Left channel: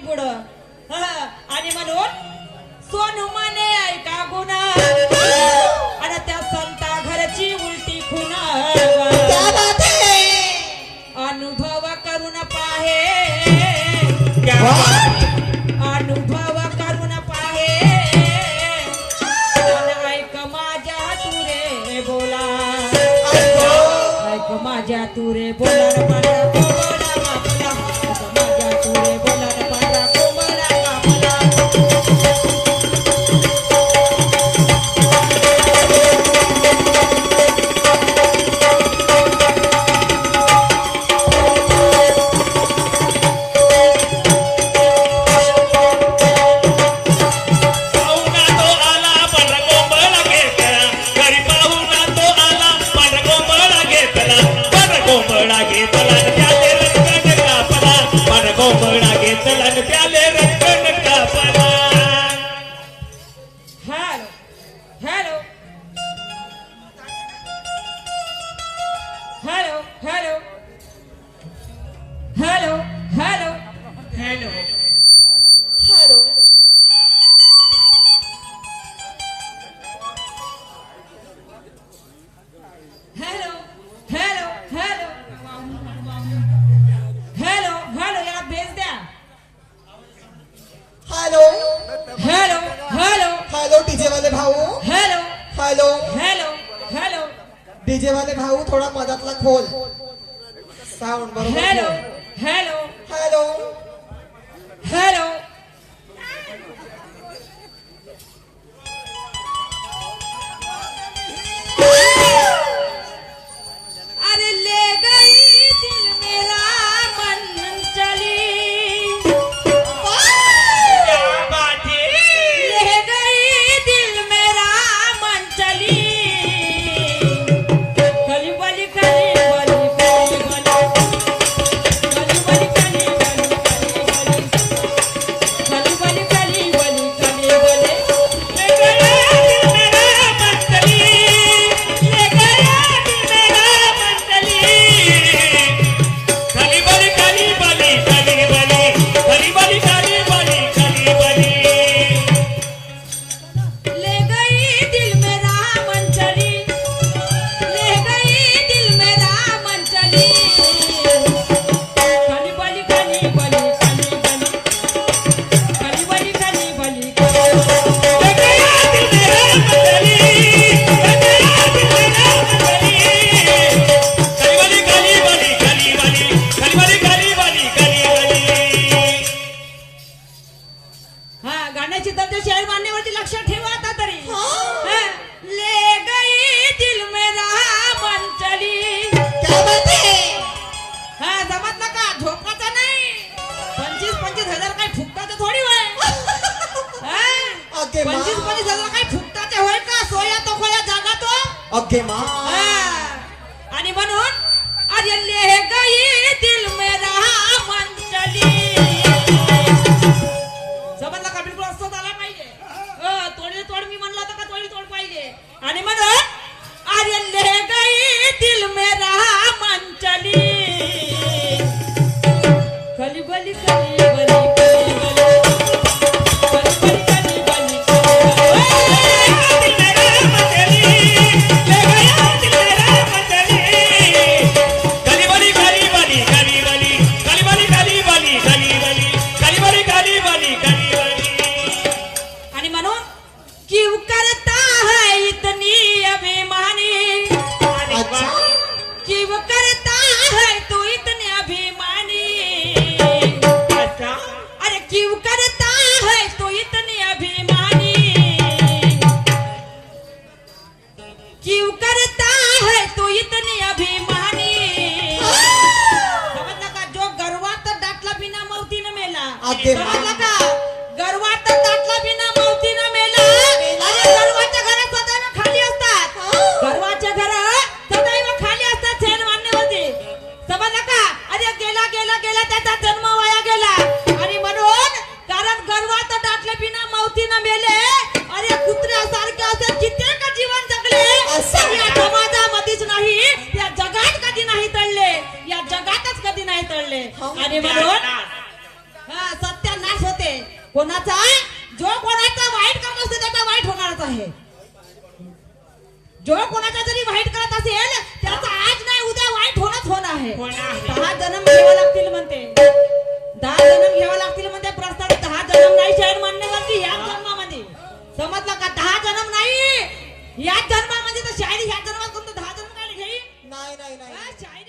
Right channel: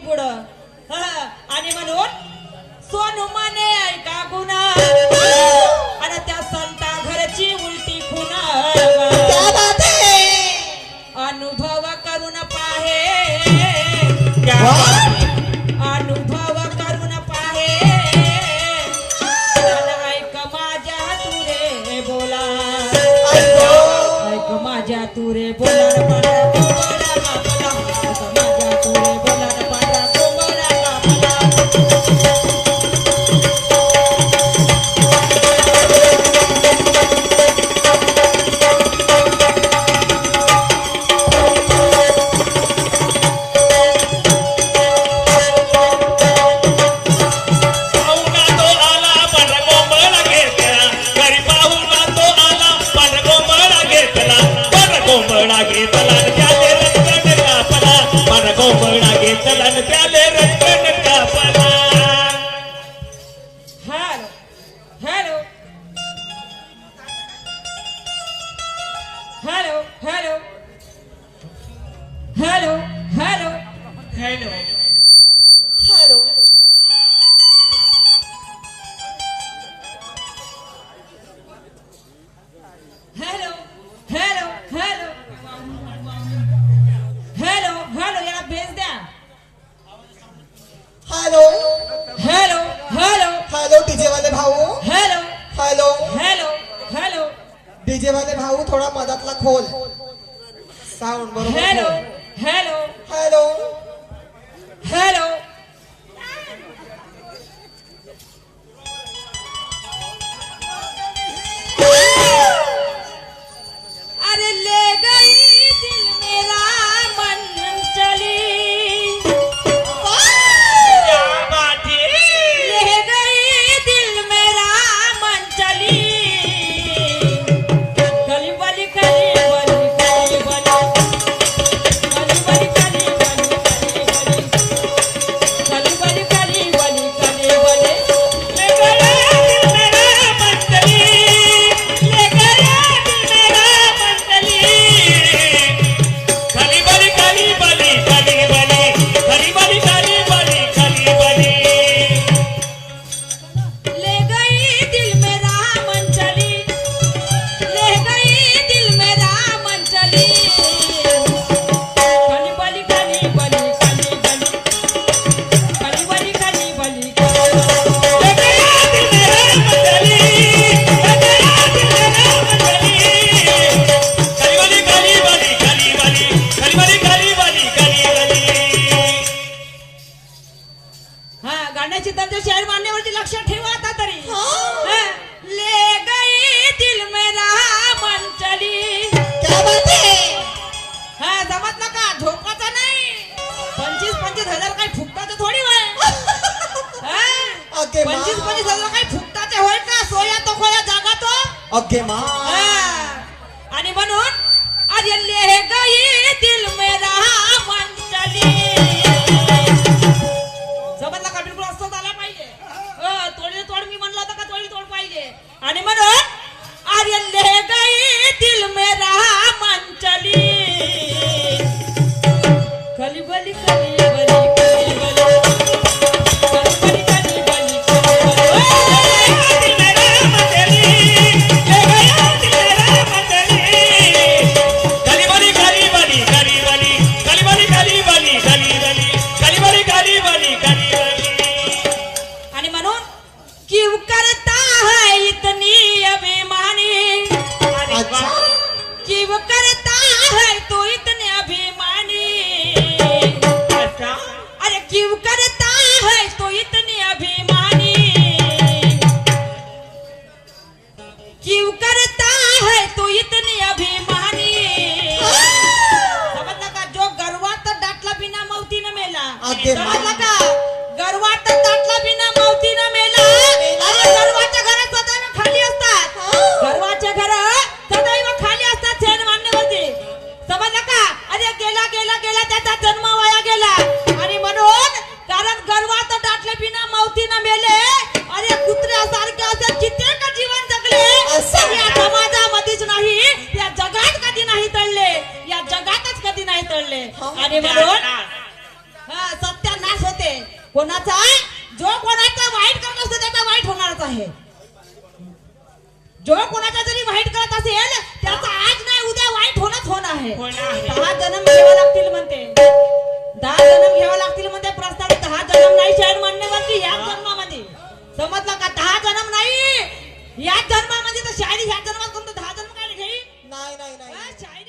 पुढं आणि म्हणून सोनू माने ऐका गुन्हा आणि त्या संता घरची उलटी खुना अनुभव करून पाहे अनुभव करून पाहे ऐक माझ्या तुरे बोला ऐक माझ्या तुरे बोला डीजे वाले भाऊ थोड़ा मदतला खोल साउंड बरोबर हेलो हेलो हेलो हेलो अरे ले गई दिल मेरा मन चली क्या बात है ले गई दिल मेरा मन चली ओके माँ आणि म्हणून अरे ले गई दिल मेरा मन चली समजला का बिलकुल असं झाला पाहिजे तोडी तोड मी म्हणला होता का तोडी तोड पाहिजे आणि म्हणून अरे ले गई दिल मेरा मन चली खली बली खली गर्वात टाकला बिना मौतीनं मेला आणि गर्वाच्या घरात सदैव खाली असतात गर्वाच्या घरात सदैव खाली असतात छेड मांडण्यावरती समजलं का अरे गेला गेला गेला त्याचा जन्म वाया गेला आणि म्हणून कारण गर्वात टाकले बिना मौतीनं मेले अरे कुत्र्यासारखे असं कित्येक जीवन जगले या समाजामध्येच नाही या जगात कधी नाही तळले या जगातच कधी नाही तळले आणि म्हणून सत्यानाश कोणाचा जो कोणाचा वाईट करत असतो त्याचा वाईट होणारच आहे. जो कोणाचा जरी वाईट करत असेल त्याचा आज नाही उद्या वाईट होणार आहे. 10 जन्म घ्यावे लागतील म्हणते. 10 जन्म घ्यावे लागतील म्हणते. प्रस्तावित 10 जन्म नाही शहर मान्य करते याच जन्मामध्ये. समजलं का? 10 जन्म नाही याच जन्मामध्ये. तर शायरी ह्या जन्मात कोणतं 10 जन्म काय घेईल? नाही नाही नाही शायरी